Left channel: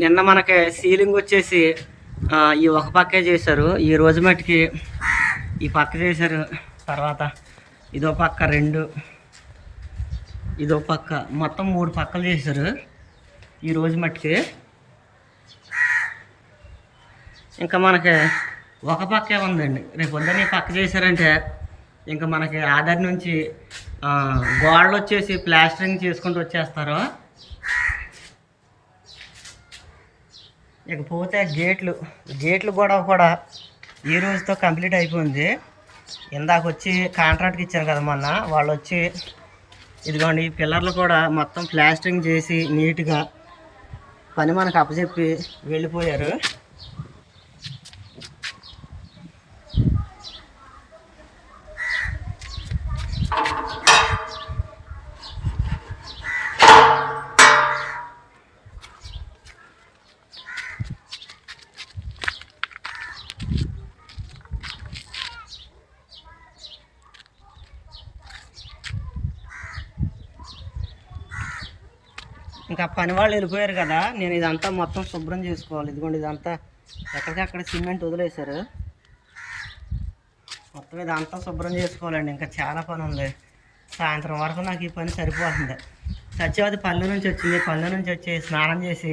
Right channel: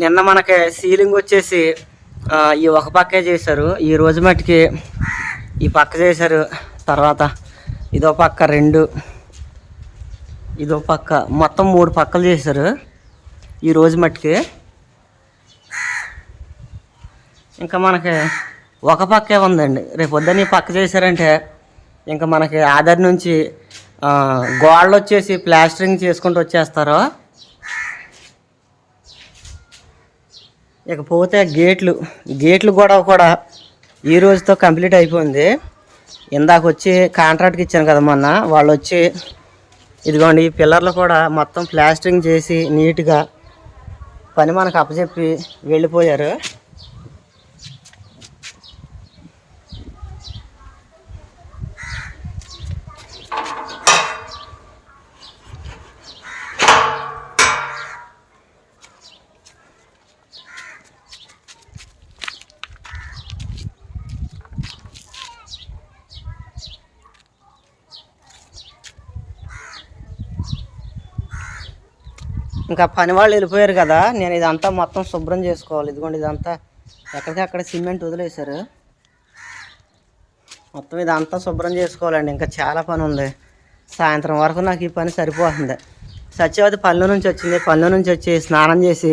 నిన్న మనకి సీలింగ్ వచ్చేసి ఈ ఒక పక్కే చేశారు. ఈ రోజు మట్టుకి ఈ పక్క చేశారు. తర్వాత ఇదో పక్క రెండు ఇదో పక్క మొత్తం మూడు పక్కలు చేశారు. ఈ రోజు మట్టుకి ఇంకా మనకి ఒక పక్కే ఉందండి. రేపు పొద్దున్న ఈ పక్క చేశారంటే ఇంకా మనకి ఆధార్ నుంచి గోడలు వచ్చేసి ప్లాస్టరింగ్ చేసుకుంటూ వచ్చేస్తారు. ఇకపోతే గేట్లు గేట్లు కూడా కూడా ఈ రోజుతో కంప్లీట్ అయిపోయింది. ఇందాక వచ్చి కాంట్రాక్ట్కి ఇచ్చాను కదా మొన్న వాళ్ళు వచ్చి ఇదిగోండి ఈ పిల్లర్లు కూడా మొత్తం ప్లాస్టరింగ్ చేసి నీట్గా పని మనకు అప్పచెప్పి వెళ్ళిపోయారు. ఇంకా పని వాళ్ళు వెళ్ళిపోయారు కదా నేను ఇదంతా మొత్తం శుభ్రం చేసుకోవాలి. ఇదిగోండి ఇదంతా ఎక్కడికక్కడ సిమెంట్ వదిలేశారు. మొత్తం ఇదంతా శుభ్రం చేసుకోవాలండి. ఇంకా చాలా పని ఉంది. సాయంత్రం వరకు నాకు ఈ పని సరిపోతుంది. సత్యవతి పల్లె నుంచి వచ్చింది. పల్లె నుంచి వచ్చి స్నానం చేసి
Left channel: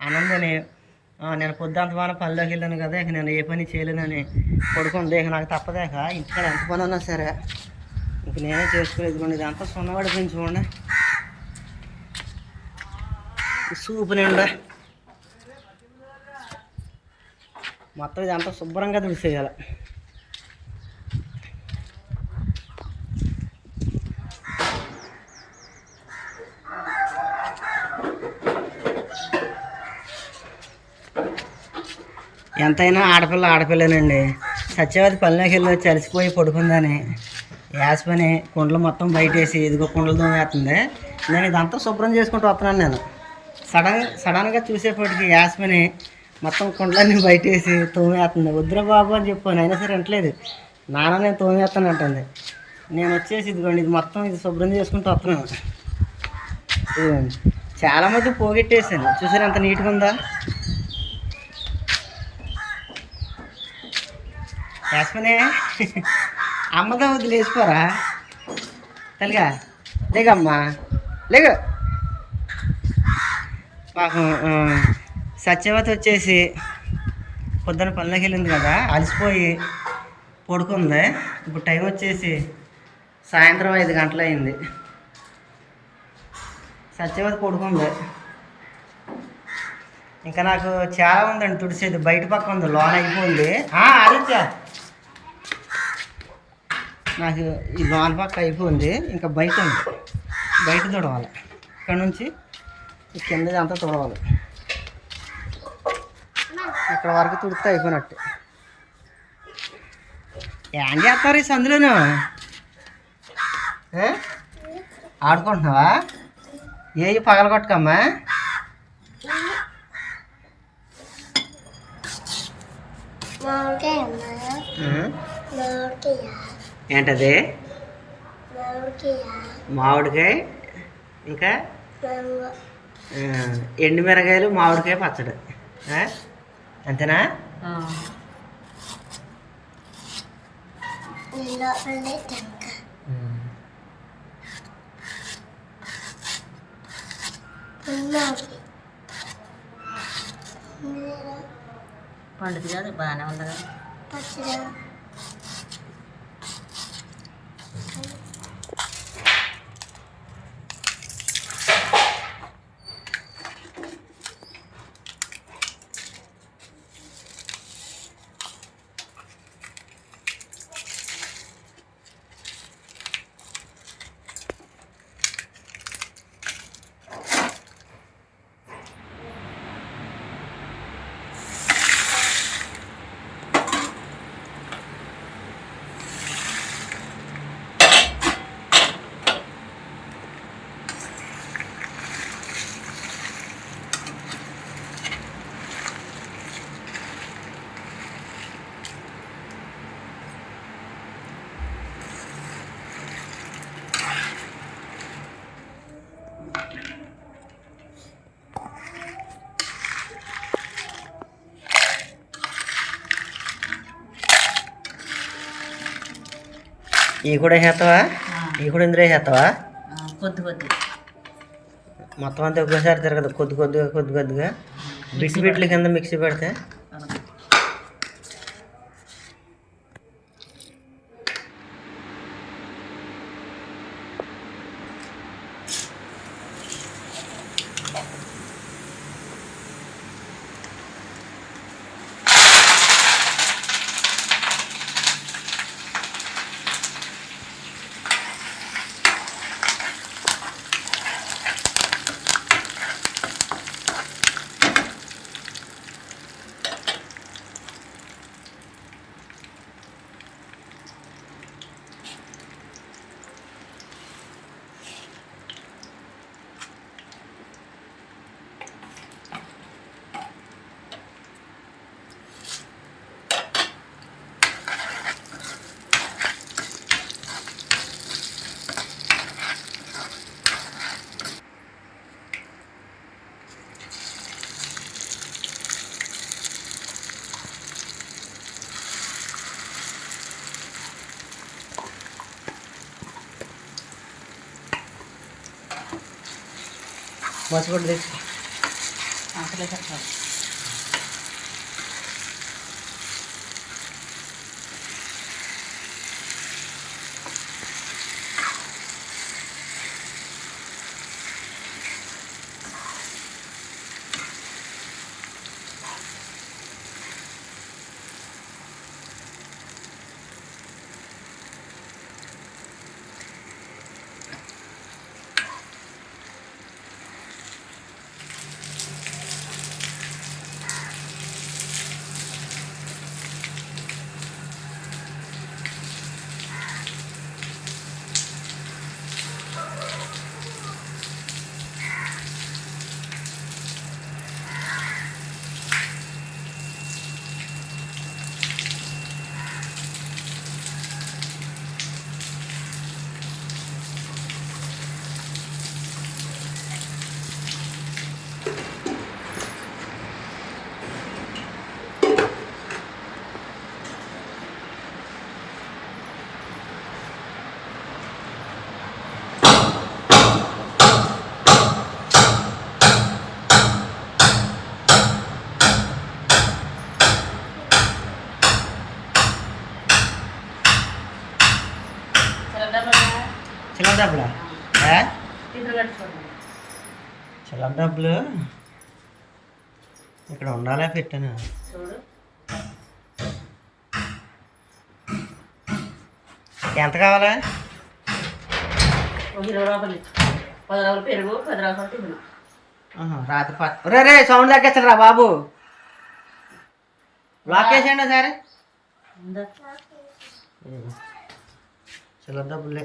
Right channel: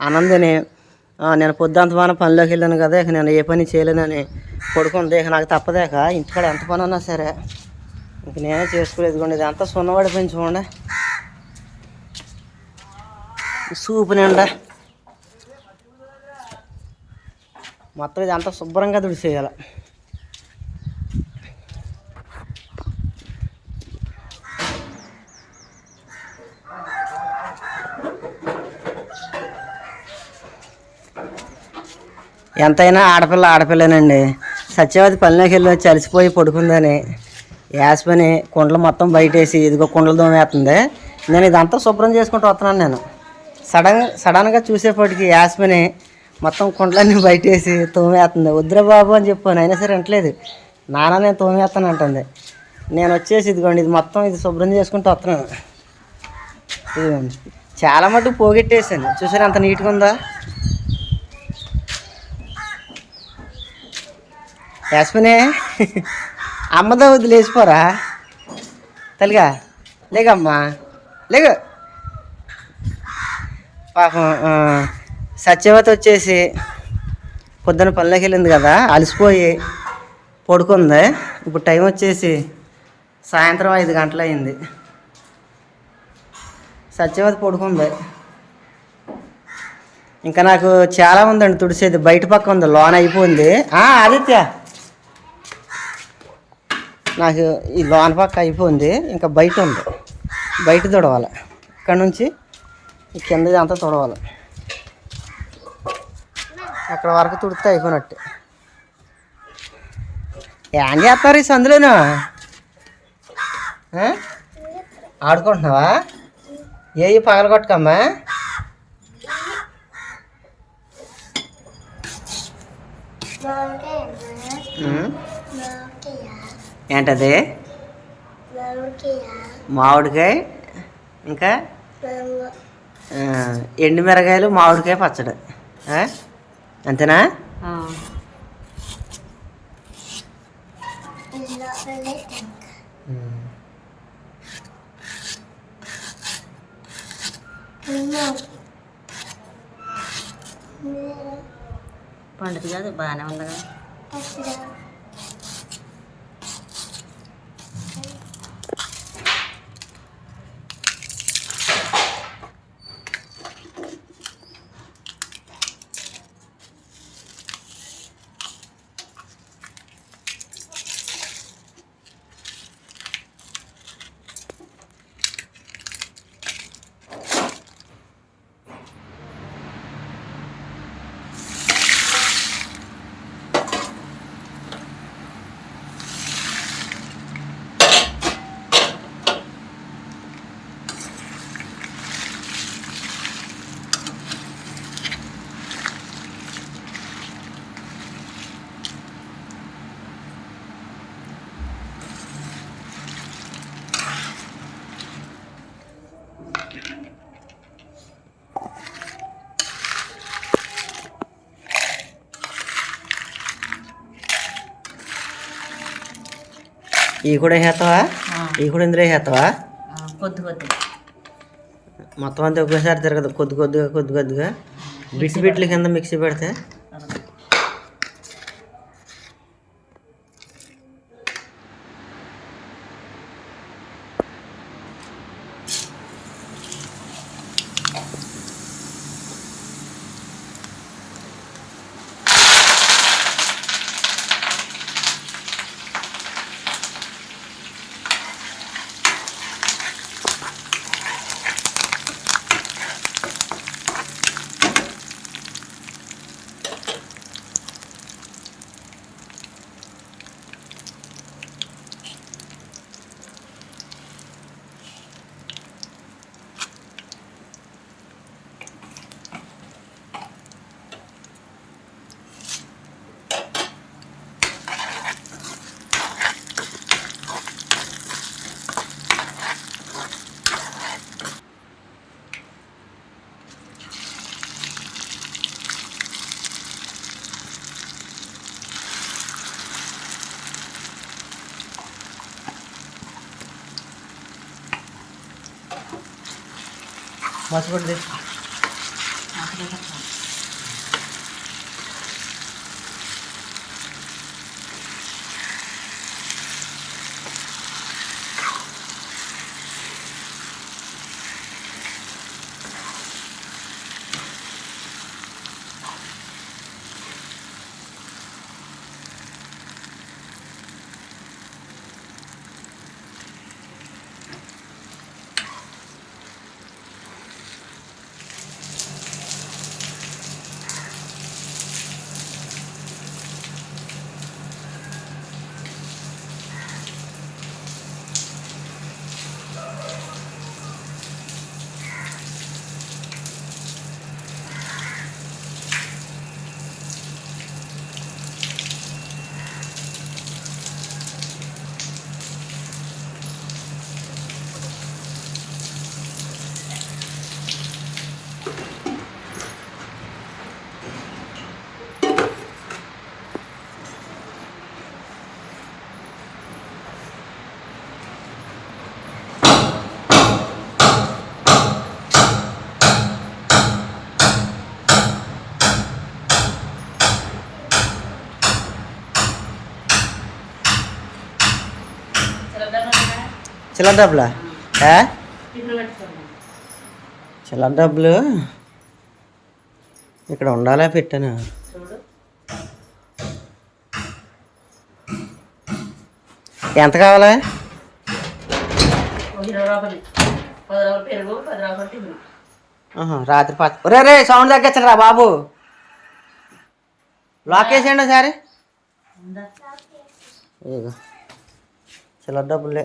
ఆనందని నేను పొద్దుంతమాన పనిలోకి వెళ్ళాను కదా ఇక నేను ఏ పని చేయలేనని పడుకుంది. ఇక నాకు తప్పదేక ఇంటికాడ ఎంత పని ఉన్నా సరే ఇంక నేనే చేసుకోలేదు ఇదిగోండి ఇదంతా సున్నవాడి చూడండి. సూపు మొత్తం ఇదంతా శుభ్రంగా తుడిసేయాలి. ఎంతైనా ఆడపిల్ల ఆడపిల్లనండి. సత్యవతి పల్లెకి వెళ్ళి పడుకుందని యాస్పని కుండలు మొత్తం బయటేసి ఇదిగో కుండలు దోమేస్తుంది నేను ఇదంతా శుభ్రం చేసుకుంటూ వస్తున్నాను నేను. సడన్ సడన్గా చూసేపటికి యాస్మిని మొత్తం కుండలన్నీ బయటేసి తోమేస్తుంది వద్దురా బాబు అని చెప్పాను అయినా సరే అంటలేదు నాన్న నేను తోమేస్తాను అంటుంది. నేను వచ్చేసి ఇదిగోండి ఇది మొత్తం ఇది శుభ్రం చేసుకుంటూ వస్తున్నాను. ఇదిగోండి. చాలా మటుకు పోగొట్టేసాను చూసారు అంత నీట్గా ఉందా? యాస్మినే అమ్మదా వద్దు లేచిపోరా తల్లిగా లేకమ్మా లేక. పాపం సత్యవతి వచ్చేసి పొద్దున పల్లెకి వెళ్ళింది కదా అలసిపోయి పడుకుంది. ఇప్పుడు టైం వచ్చేసి సాయంత్రం ఐదు గంటలు అయింది సత్యవతి పడుకుంది. ఇంకా నాకు చాలా ఉందండి తుడిసేది బయట పక్క ఉంది లోన్ అయిపోయింది. ఆదిత్య. నాకు ఈ లోన్ పక్క అయిపోయింది ఇంకా బయట ఉంది. బయట తుడవాలి. ఇక్కడ నుంచి ఈ కిందది అంతా తుడవాలి. అక్కడ వరకు తుడితే అయిపోయినట్టు. ఏం చేస్తారు ఈ సందులోను? ఆడుకుంటున్నావా? ఏ పగల కొట్టుకమ్మా? ఏంటది? మామిడికాయ. ఇంకా? మ్యాంగో ఆ, ఎండుమిరకాయలు మామిడికాయ పచ్చడి. ఆ? అంతేనా? పండుగ కాదు బాగానే ఉంది ఈ కూడా ఆ, ఈ కూడా ఇందులో వేస్తావా ఆ, కొద్ది కొద్ది మొత్తం అంతా ఒకేసారి తిరగదు కొద్ది కొద్దిగా కొద్ది కొద్దిగా బిట్స్ బిట్ల కింద మిక్సీ పెడితే बचपन देख చిల్లర డబ్బులా. చిల్లర డబ్బులు ఇక్కడ ఉండాలా పెట్టాను? ఎంత కావాలా? రాత్రి పక్క రే రే సౌండ్ తగ్గించరా బాబు. లాక్ వేసేయండి సరే ఉందా? చిల్లర డబ్బులే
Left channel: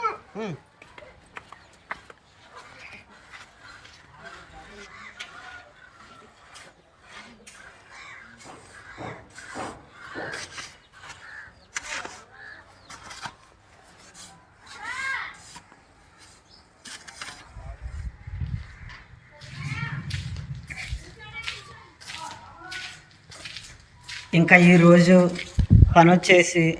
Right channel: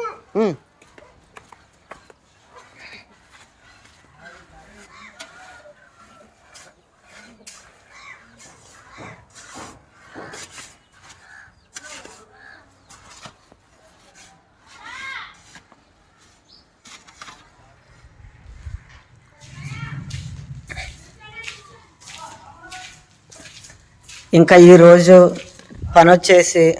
ఇంకా ఈరోజు పని వచ్చేసి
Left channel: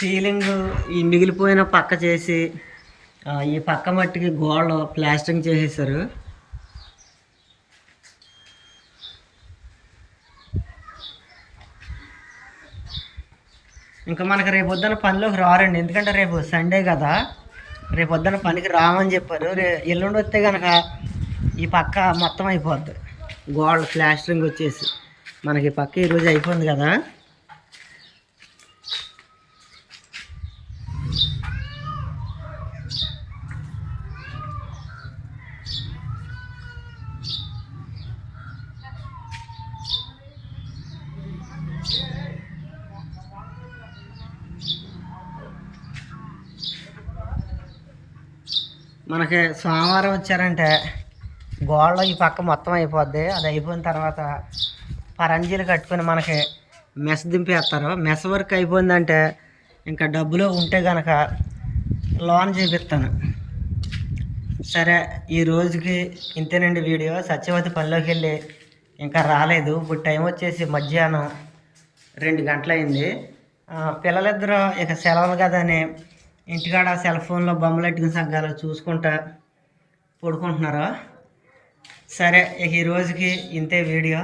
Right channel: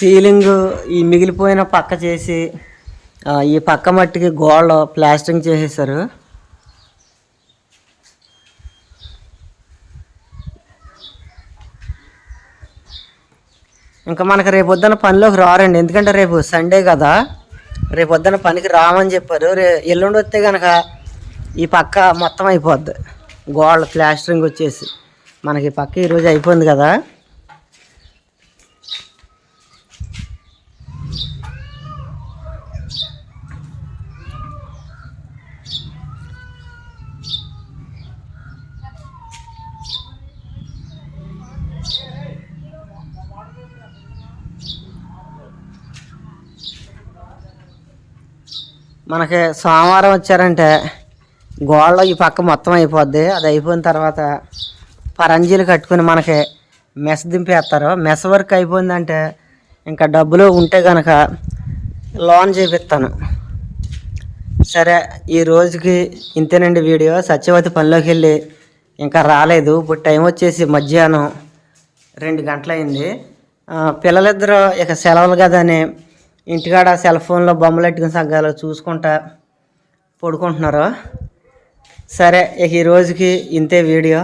సీలింగ్ ఈ మిగిలిపోయిన పక్క చేసి ఈ పక్క మట్టికి గోడ ప్లాస్టరింగ్ చేసేసారు ఇంకా మనకు రేపు పొద్దున్న పనిలోకి రారండి. ఎందుకంటే రేపు సండే కదా. రేపు పొద్దున పనికి రామని చెప్పారు. రే ఎల్లుండి వస్తే కనుక ఈ పక్క మొత్తం అయిపోద్ది. గోడ ప్లాస్టరింగ్ వచ్చేసి. మనకి పక్క ఈరోజు అయిపోయింది కదా. మనకి సోమవారం వచ్చారంటే గోడలో ఈ పక్క మొత్తం అయిపోద్ది. అది అయిపోయిన తర్వాత పరంజీలు కట్టుకుని మనకి మెస్ దింపేస్తారు. మెస్ వర్క్ అయిపోయిందంటే ఇంకా డబ్బులు ఉంటే కనుక లోన్ చేపిస్తాను. సరే ఈ రోజుకి ఇంతేనండి వీడియో. సత్యవతి పనిలోకి వెళ్ళి ఇంకా రాలేదు. ఇప్పుడు టైం వచ్చేసి మధ్యాహ్నం రెండు గంటలైంది. పిల్లలిద్దరూ ఇక సెలవులు కదని ఇంటికాడ సెల్ ఫోన్లో బొమ్మలు ఎట్టుకుని సగ్గాలు చూసుకుంటా పడుకుంటున్నారు? సరే ఇక ఈ రోజుకి ఇంతే వీడియో.